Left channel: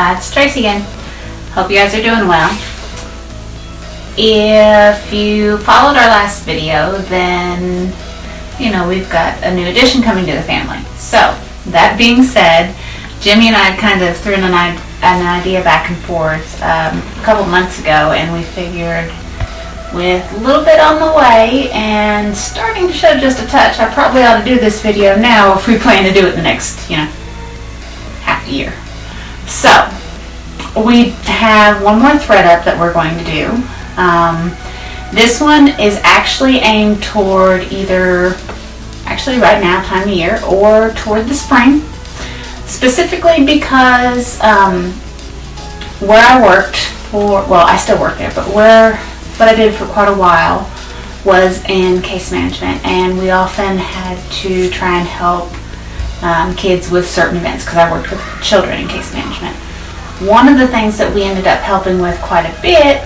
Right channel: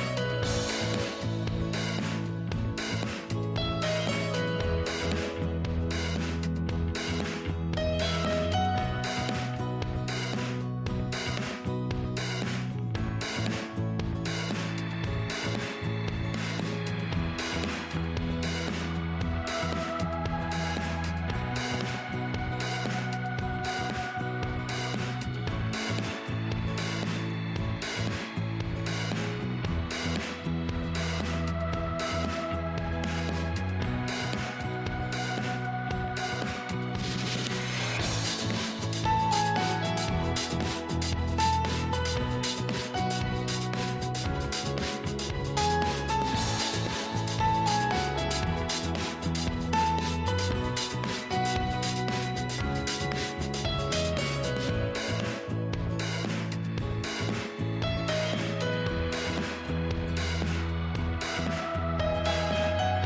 It's Tracy again. Hope you guys are doing well. If you followed our last video, then you know we've got a new addition coming to the family. So, that being said, Jimmy and I kind of threw an idea back and forth a couple months ago, and we figured with a little bit on the way and starting to show just a touch, I probably ought to do this video now if we plan to do it the next, half a year. So, we have one more threadUp that we're going to do. This one is actually aimed toward either, right now, time of year, or toward the spring. Specifically because where I worked I still work there, but what I did for quite a while was in case management, and we often had to try and help kids with certain events because I worked with children in case management. One of the things that we ended up helping with quite a bit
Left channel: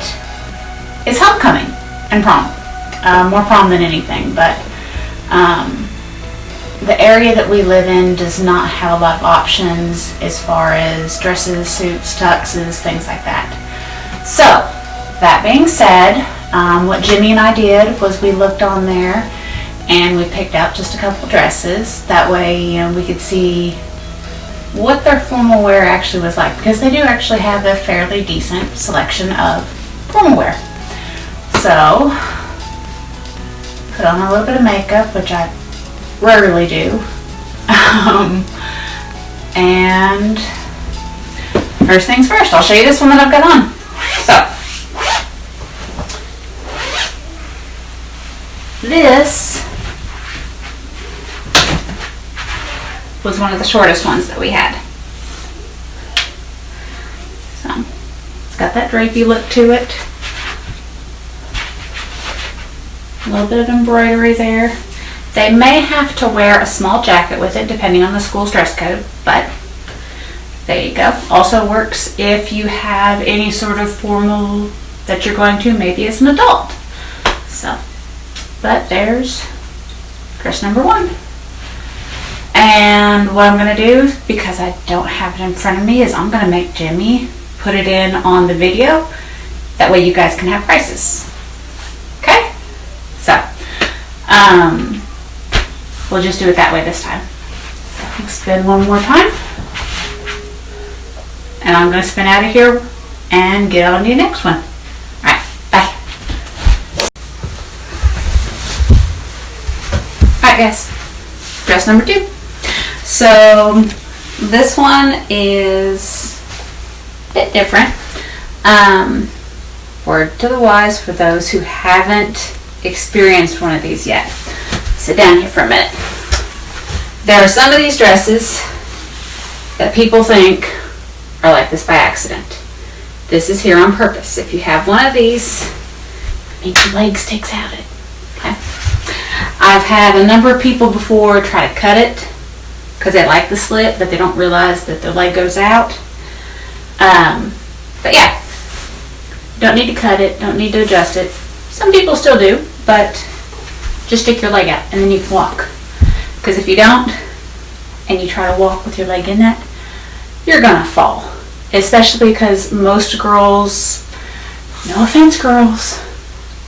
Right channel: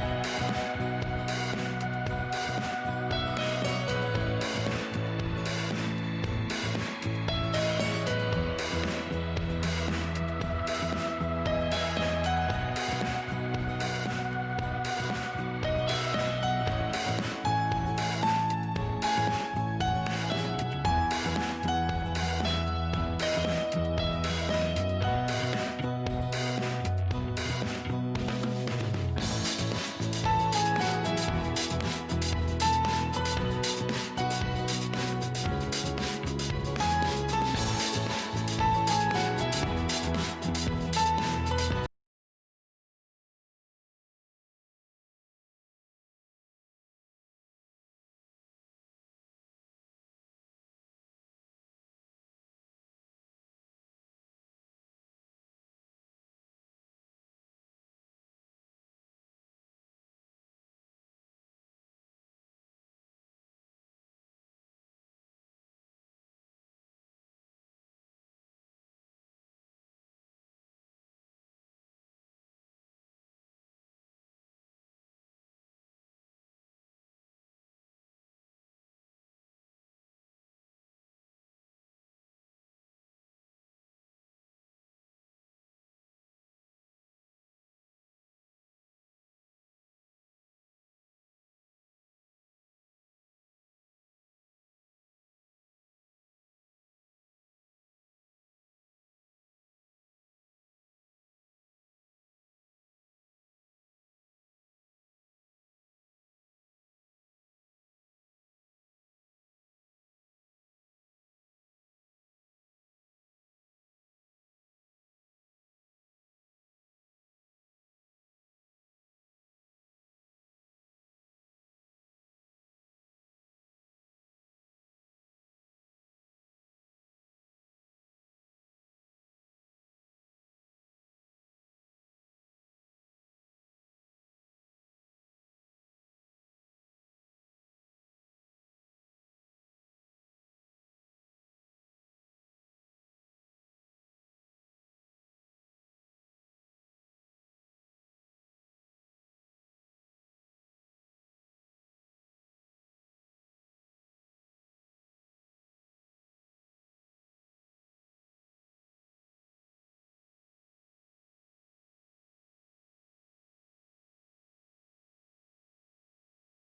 is homecoming and prom. More prom than anything, but the area that we live in does not have a lot of options as far as dresses, suits, tuxes, things like that. So, that being said, what Jimmy and I did was we looked on there and we picked out just a couple dresses. That way, we could see what their formal wear actually was like, because they do actually have a fairly decent selection of formal wear. So, put on a little bit of makeup, which I rarely do. And first things first, I'll show you this one that I've got on. So, this was one of the shortest ones that we had. So, it's got that drapey look to it. A little bit of embroidery there. They may have to wear a small jacket with it depending on the school's dress code, but there you go. Also works if you have any sort of formal that you're going to, maybe as an adult. So, but there's dress number one. And what I'm going to do, because I don't have it in front of me, is I'm going to make Jimmy put it in on the video. That way you guys can have prices. Okay? So, we'll just do it that way this time. So, spin one more time. And I'm going to spin out of here and get on to the next one. Alright, bye. Alright guys, dress number two. So, this one is a bit different. Word to the wise for those who haven't experienced one of these yet. Sit down here for a minute. There are some of these dresses that people think are like this by accident. This is here on purpose. If you have one of these, it means your leg sticks out it. Okay? I've had a number of people before try to cut it because they like the slit, but they don't realize that their leg goes out. But yeah, don't need to cut it, don't need to adjust it. Some people still do, but just stick your leg out and then you can walk. Because if you don't, and you try to walk with your leg in that, you're gonna fall. Especially because most girls, no offense girls,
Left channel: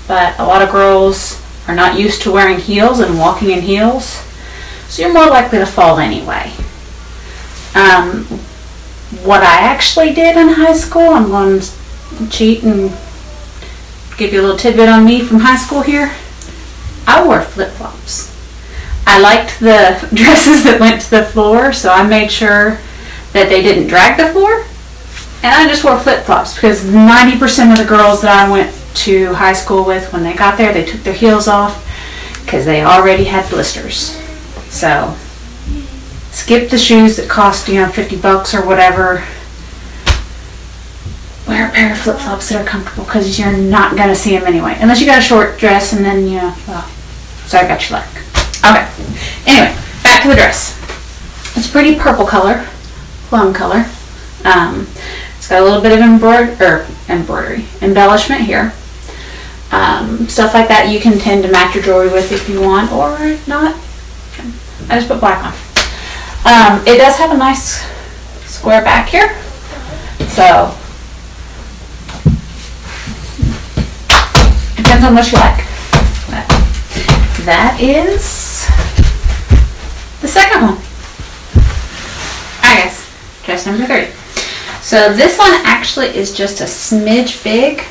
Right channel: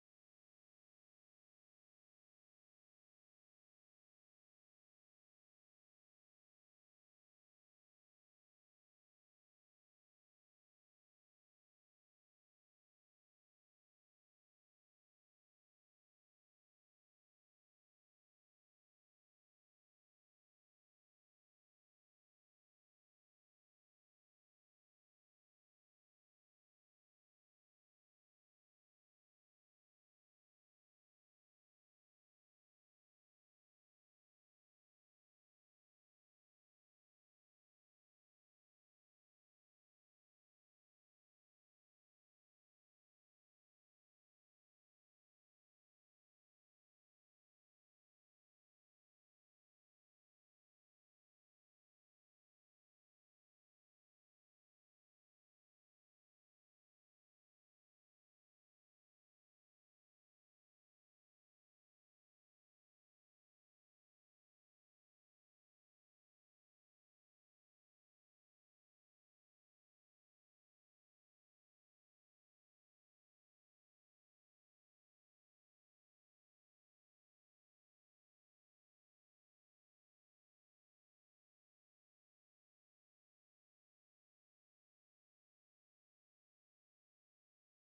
but a lot of girls are not used to wearing heels and walking in heels. So you're more likely to fall anyway. What I actually did in high school, I'm going to cheat and give you a little tidbit on me from high school here. I wore flip-flops. I liked the dresses that went to the floor, so I made sure that they didn't drag the floor. And I just wore flip-flops because 90% of the girls that I went to high school with, when they got there, they took their heels off because they already had blisters. So, skip the shoes that cost, $50 or whatever. Wear a pair of flip-flops that are comfortable because you're not going to see them anyway. Unless you got a short dress and then, sorry about your leg. Okay. Anyway, back to the dress. It's a pretty purple color, plum color. It's got a little bit of embroidery, embellishment here. Stuff like that you can tend to match your jewelry with if you want, or if not, I just put black on. It does have a nice square back here. So, depends on what you like. But that is the second one. Alright guys, dress number 3. So this one actually is just a smidge big.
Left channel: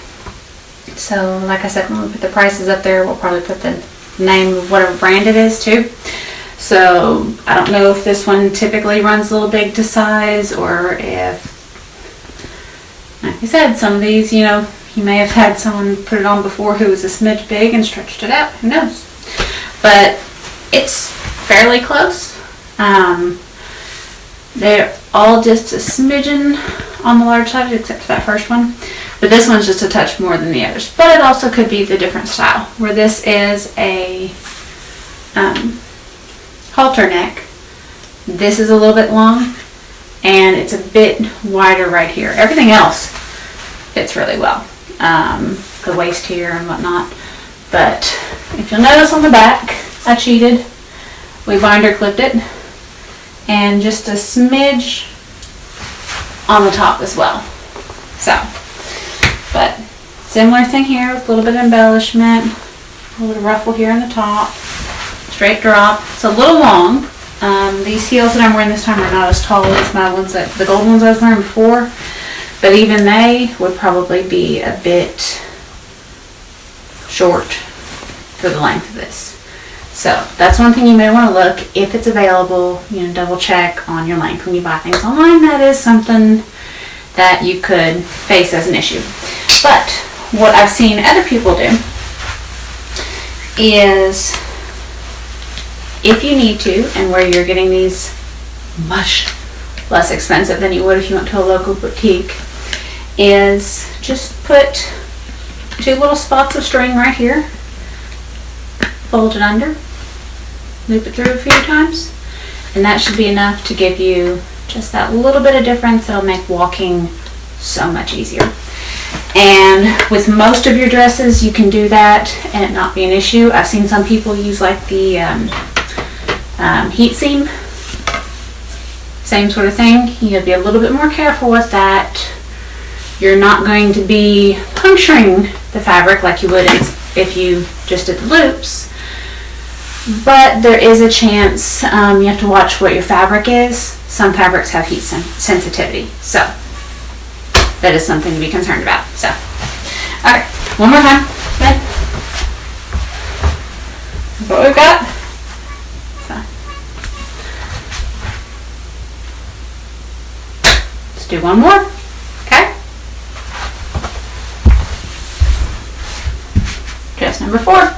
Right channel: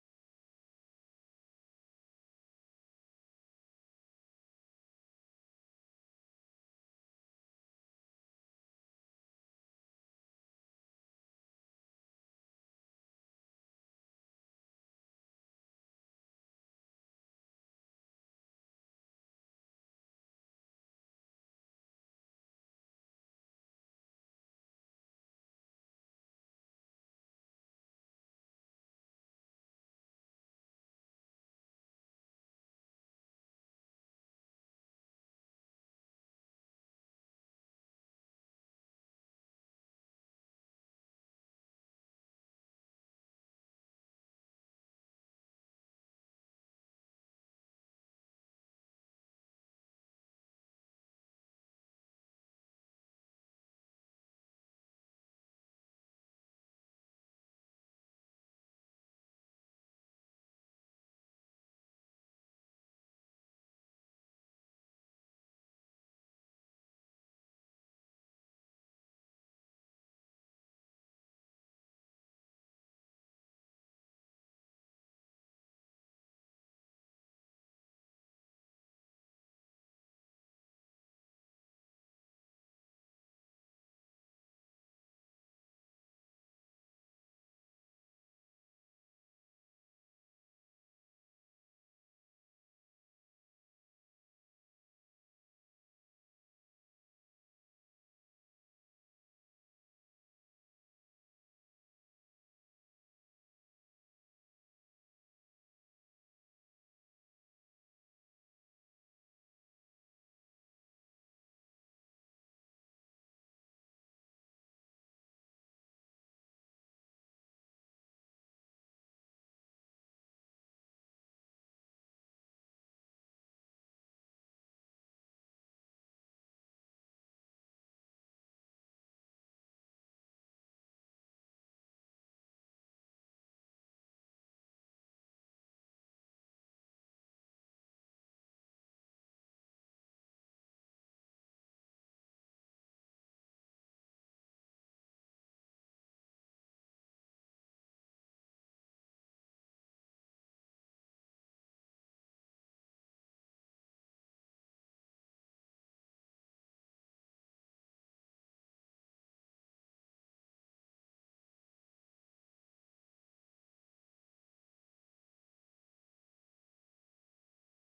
So like I said, when we put the prices up there, we'll probably put the name of whatever brand it is too. So I don't know if this one typically runs a little big to size, or if, like I said, some of these, you know, you may have had someone put it on before who was a smidge big and stretched it out. Who knows? But it's fairly close. They're all just a smidgen on the large side, except for that first one. But this one's just a touch more than the others. But it also could be the different style, where this is a halter neck. This is a little bit long, and it's a bit wider right here. Everything else fits really well. The waist here and whatnot. But if you'll notice on the back, I cheated. We binder clipped it, and just a smidge on the top as well. So, but similar thing here with a little bit of embellishment, a little ruffle here on the top, straight drop. It's a little long. These heels that I'm wearing this time are not as tall as my ones, that the gold ones I was wearing before, but even they would probably be a bit short for the length of this. So that's one thing you may want to look, if it's available, you know, double check on your length when you buy things online. That is something that you could face as an issue. But what I've seen other people do is, if you need to, and where you're getting these much less expensive than you would if you went to a local boutique, is just put 2 little spots of string right here, fold it under, loop it through a few times, and that should be enough to give you just that little bit of difference that'll make walking so much easier. And with most of your dresses, you can do that and it not be an issue. I've seen some people use like the heat seam, same sort of thing. You gotta be a little bit more careful with that. You're not going to be puncturing the fabric like you would if you just did the loops, but there is a chance. You have to watch what your fabric is. Some fabrics have heat sensitivity, so that is something to be concerned about. So, alright, one more time. Good. That's what we've got. So, let's do one more. Okay. Dress number 4.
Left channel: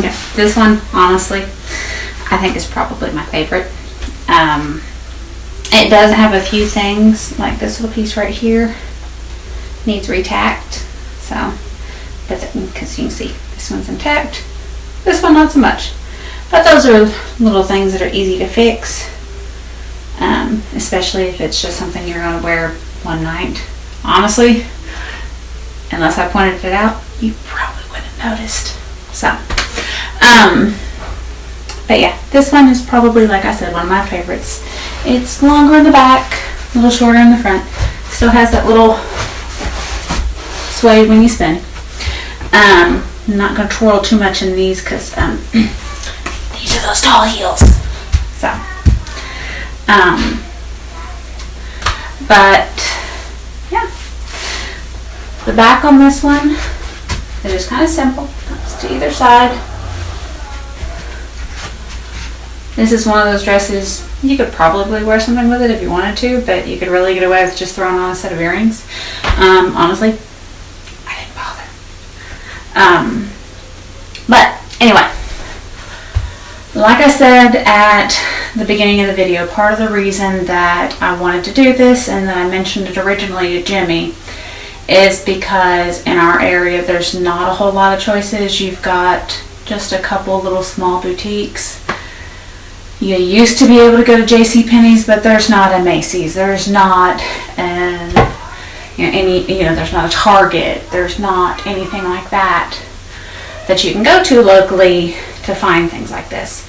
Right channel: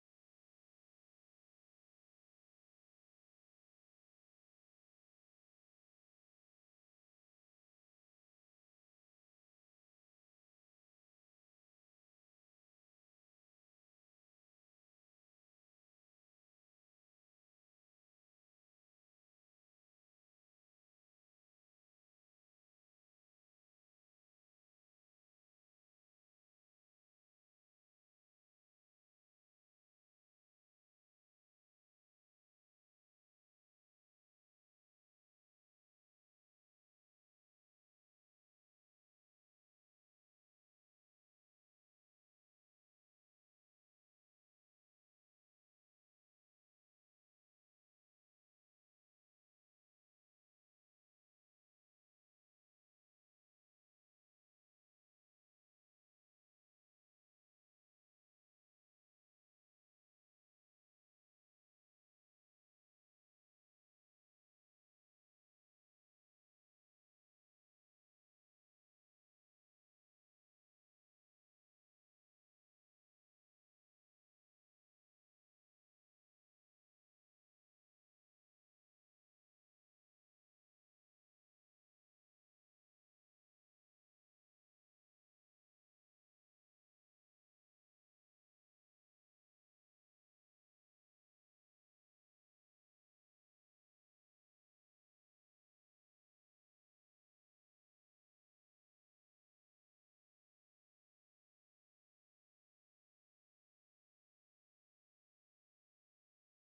Okay, this one, honestly, I think is probably my favorite. It does have a few things, like this little piece right here needs retacked, so that's it, because you can see this one's intact, this one not so much, but those are little things that are easy to fix, especially if it's just something you're going to wear one night. Honestly, unless I pointed it out, you probably wouldn't have noticed. So but yeah, this one is probably, like I said, one of my favorites. It's longer in the back, a little shorter in the front. Still has that little sway when you spin. I'm not going to twirl too much in these because these are those tall heels. So, but yeah, the back on this one is just kind of simple. It's to either side. This is one of those dresses, you could probably wear something with it if you wanted to, but you could really get away with just throwing on a set of earrings. Honestly, I didn't bother. But anyway, like I said at the beginning of the video, part of the reason that I wanted to do this and that I mentioned it originally to Jimmy is because in our area there's not a whole lot of choices. You've got just a couple little small boutiques. You used to be able to go to JCPenney's, but there's not a Macy's. There's not there's not a Target. There's not anything like that that you can go to locally to find things like this.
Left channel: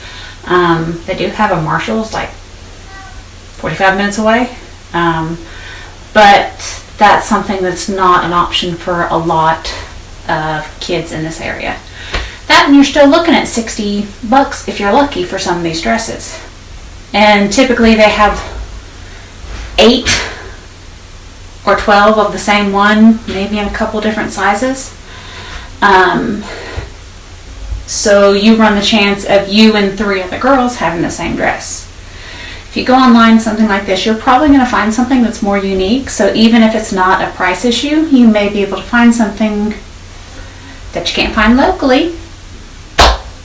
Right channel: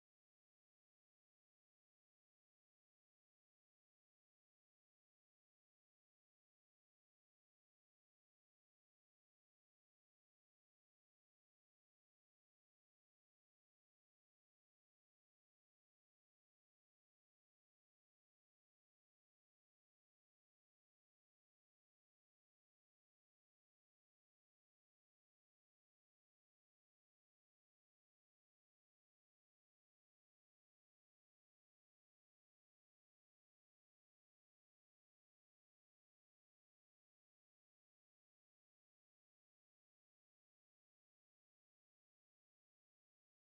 They do have a Marshall's like 45 minutes away, But that's something that's not an option for a lot of kids in this area. That, and you're still looking at $60 if you're lucky for some of these dresses. And typically they have 8 or 12 of the same one, maybe in a couple different sizes. So you run the chance of you and 3 other girls having the same dress. If you go online, something like this, you're probably going to find something that's more unique. So even if it's not a price issue, you may be able to find something that you can't find locally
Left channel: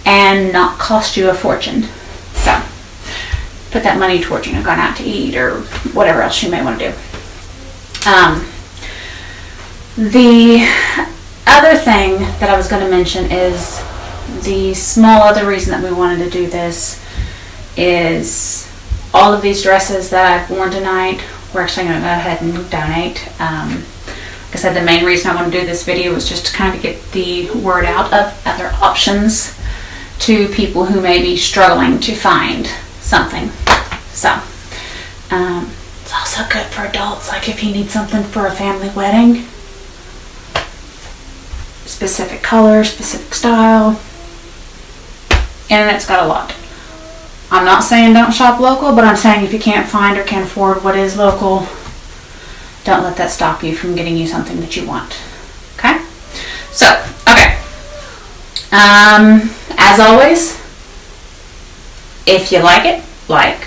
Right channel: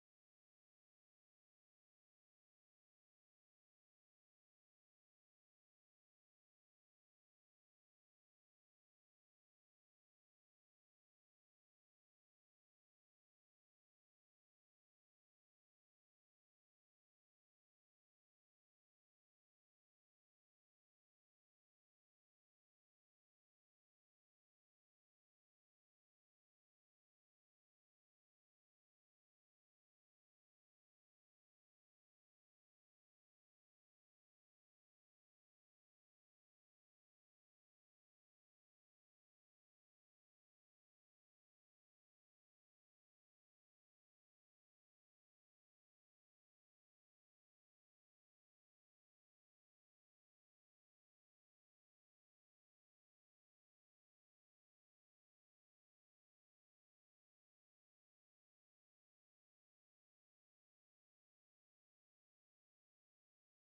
and not cost you a fortune. So put that money towards, going out to eat or whatever else you may want to do. The other thing that I was going to mention is the small other reason that we wanted to do this is all of these dresses that I've worn tonight, we're actually going to go ahead and donate. Like I said, the main reason I want to do this video was just to kind of get the word out of other options to people who may be struggling to find something. So, it's also good for adults, like if you need something for a family wedding. Specific color, specific style. Internet's got a lot. I'm not saying don't shop local, but I'm saying if you can't find or can't afford what is local, don't let that stop you from getting you something that you want. Okay? So, okay. As always, if you like it, like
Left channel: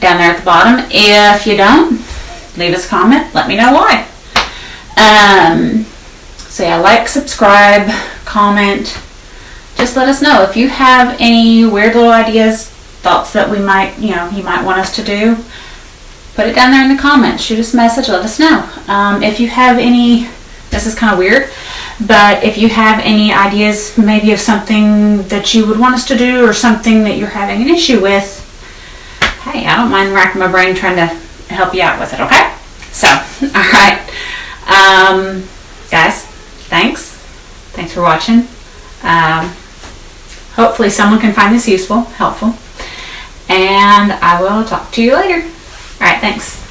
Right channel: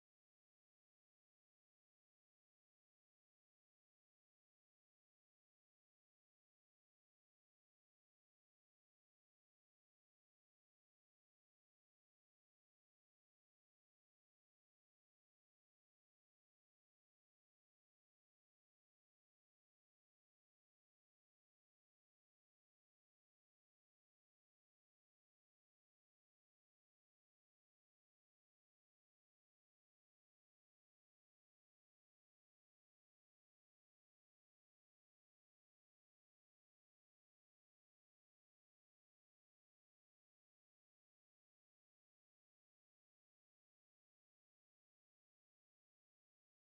down there at the bottom. If you don't, leave us a comment. Let me know why. So yeah, like, subscribe, comment. Just let us know if you have any weird little ideas, thoughts that we might, you might want us to do. Put it down there in the comments. Shoot us a message. Let us know. If you have any, this is kind of weird, but if you have any ideas maybe of something that you would want us to do or something that you're having an issue with, hey, I don't mind racking my brain trying to help you out with it, okay? So, all right. Guys, thanks. Thanks for watching. Hopefully someone can find this useful, helpful, and I will talk to you later. All right, thanks.